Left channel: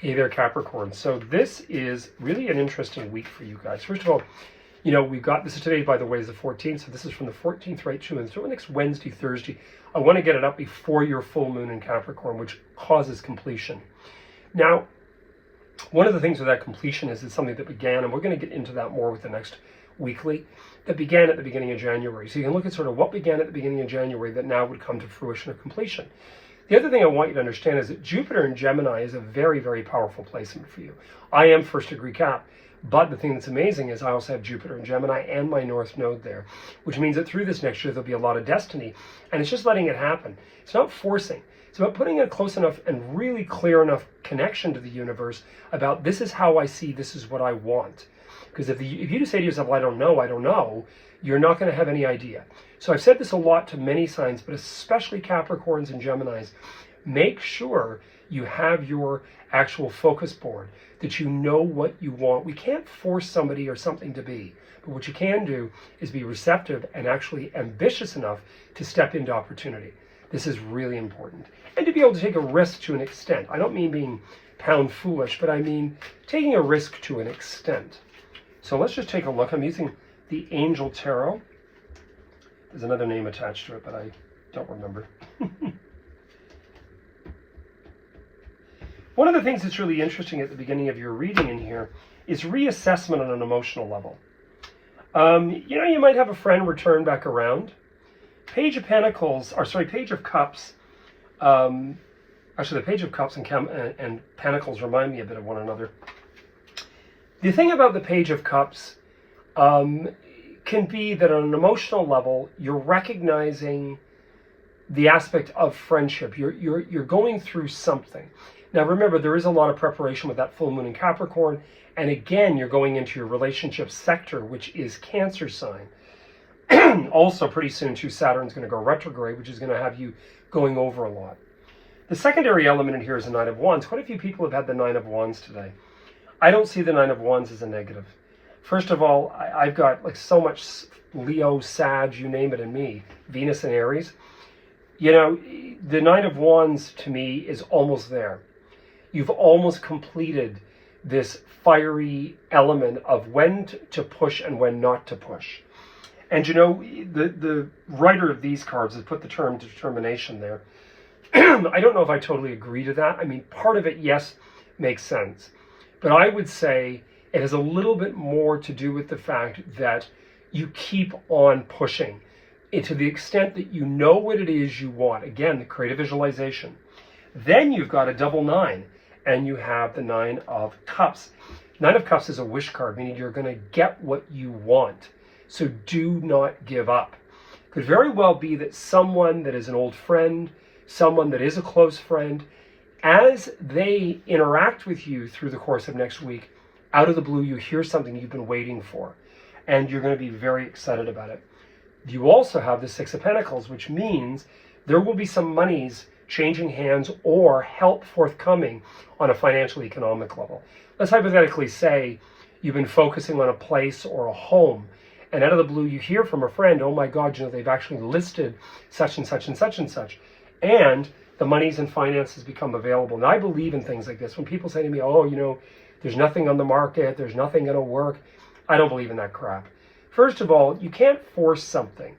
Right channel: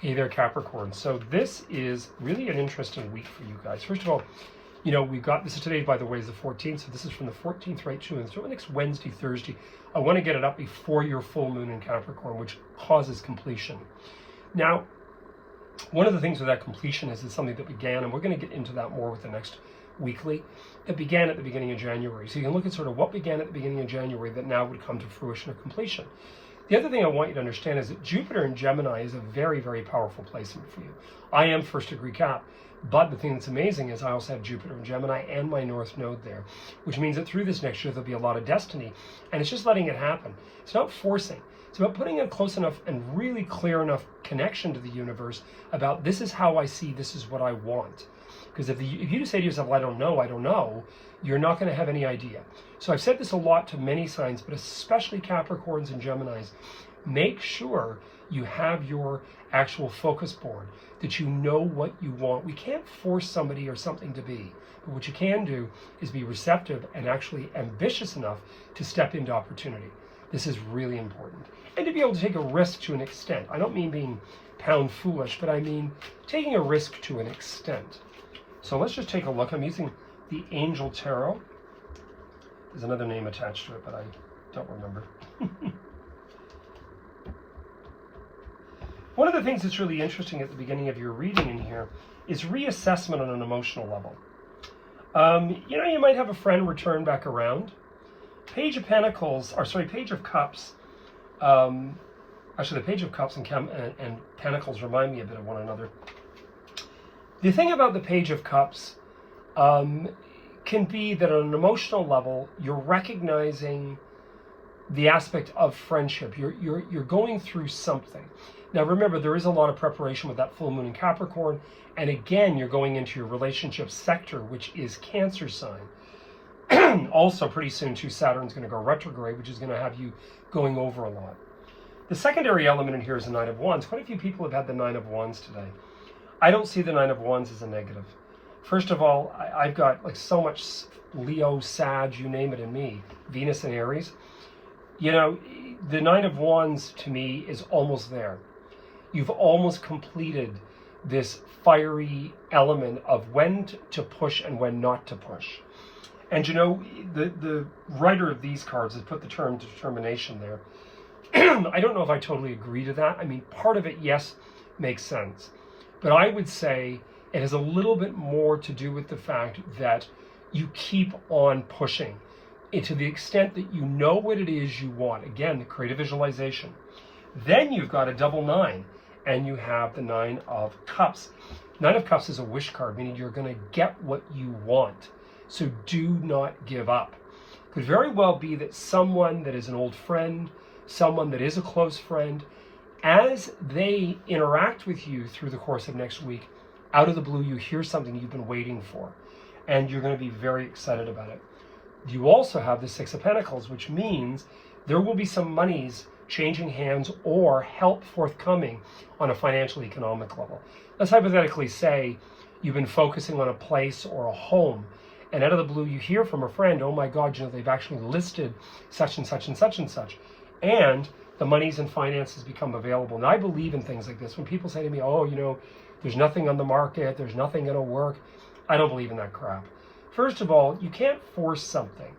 Hey there, Capricorn. So this is really an interesting week for you guys. First of all, you know, we've got, this is today, by the way, is the 14th. So this is from the 14th right to until next Wednesday, Thursday. I want to get it up before your full moon in Capricorn, which causes completion. Now, one of the things with that completion is it's something that began, and we're going to get into that more with the next weekly, that began at the beginning of January. So you can look at sort of what began at the beginning of January that now would come to fruition or completion. The other thing I want you to understand is that Jupiter in Gemini is a very, very powerful placement for you. I am first degree Cap, but the thing that's amazing is I also have Jupiter in Gemini and my North Node there, which means that through this next year, there'll be a lot of destiny, and it's just letting it happen. It's not forcing. It's about putting a close enough and really clear enough connection to the universe about this is how I see, this is what I want. Because if you just say to yourself, well, I don't know, you're not going to have any idea. So I've said this a lot to many signs, but especially Capricorns and Geminis. Make sure you have your actual focus board, that you know what you want. We can't force somebody or something to be, but what you can do is be receptive and actually ambitious enough to step into opportunity. This is really important. And to be able to take a risk to an extent. I don't mean being pound foolish, but I mean taking a risk to an extent. So let's just take a look. I'm using the Angel Tarot. There's another name attached to it, but I don't remember. One of the things that's really interesting at the beginning of your reading in here is reassessment on an emotional level. You know, you might have a friend return back around. Page of Pentacles, or sorry, Page of Cups. Actually, the Page of Cups and Pentacles remind me a bit of one another. The thing about the Page of Cups can be that on an emotional level, you're recognizing the aspect of friendship. You're going through something. Now remember, there is a lot of preparation with that full moon in Capricorn, and again, you're going into your relationship sector, which is Cancer sign. Also, pretty soon, too, Saturn's going to go retrograde, which is going to have you going over a lot. The secondary element in here is the Nine of Wands. Quite a few people have had the Nine of Wands today. I don't see the Nine of Wands as a negative. First of all, I've got like so much Leo, Sag, you name it in me, Venus and Aries. You know, the Nine of Wands to me is almost there. You've almost completed this fiery element of when to push and when not to push. And you know, the writer of these cards has put the term determination there. I don't know if I totally agree to that. I mean, part of it, yes, makes sense. But I would say it has a little bit more to do with the fact that you keep on pushing it to the extent that you know what it is you want. Again, the creative visualization. Then you've got a double nine, and you have the Nine of Cups. Nine of Cups is a wish card, meaning you're going to get what you want. So do not give up. Could very well be that someone that is an old friend, someone that is a close friend, as they interact with you through the course of next week, out of the blue, you hear something you've been waiting for, and you're going to be very excited about it. You also have the Six of Pentacles, which means there will be some monies changing hands or help forthcoming on a financial economic level. Let's hypothetically say you've been focusing on a place or a home, and out of the blue you hear from a friend, oh my God, you know, they've actually listed such and such and such and such, and the monies and finances become available. And I believe in things like this. When people say to me, oh, you know, there's nothing on the market, there's nothing going to work, I don't believe in that crap. First of all, you can't force something,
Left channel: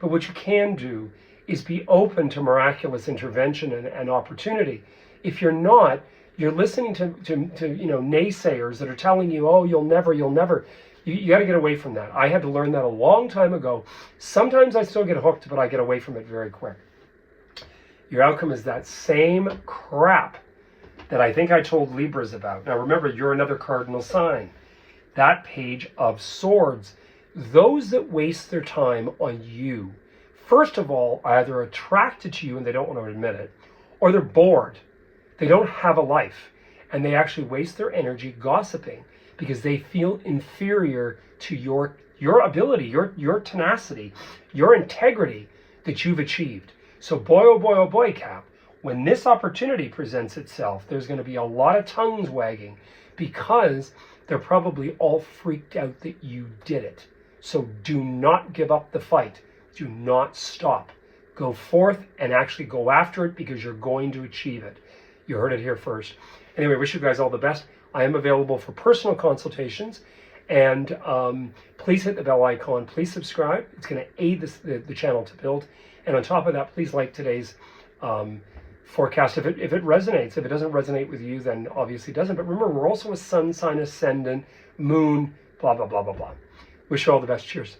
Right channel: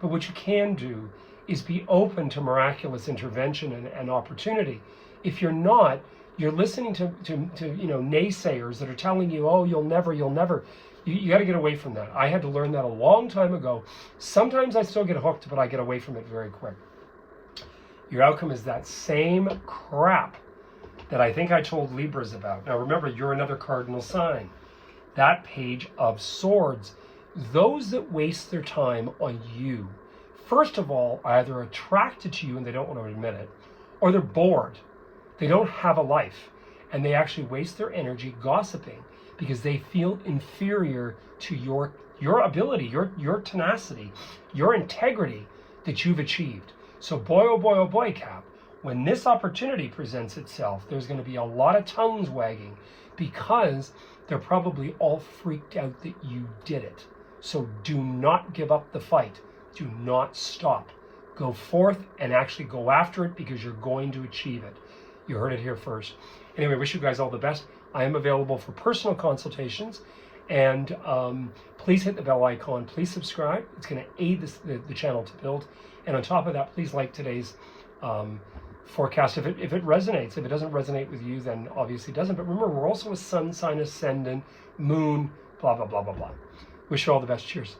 but what you can do is be open to miraculous intervention and opportunity. If you're not, you're listening to you know, naysayers that are telling you, oh, you'll never. You got to get away from that. I had to learn that a long time ago. Sometimes I still get hooked, but I get away from it very quick. Your outcome is that same crap that I think I told Libras about. Now remember, you're another cardinal sign. That Page of Swords. Those that waste their time on you, first of all, are either attracted to you and they don't want to admit it, or they're bored. They don't have a life, and they actually waste their energy gossiping because they feel inferior to your ability, your tenacity, your integrity that you've achieved. So boy, oh boy, Cap, when this opportunity presents itself, there's going to be a lot of tongues wagging because they're probably all freaked out that you did it. So do not give up the fight. Do not stop. Go forth and actually go after it because you're going to achieve it. You heard it here first. Anyway, wish you guys all the best. I am available for personal consultations, and please hit the bell icon. Please subscribe. It's going to aid the channel to build. And on top of that, please like today's forecast if it resonates. If it doesn't resonate with you, then obviously it doesn't. But remember, we're also a sun sign ascendant, moon, blah, blah, blah, blah, blah. Wish you all the best. Cheers.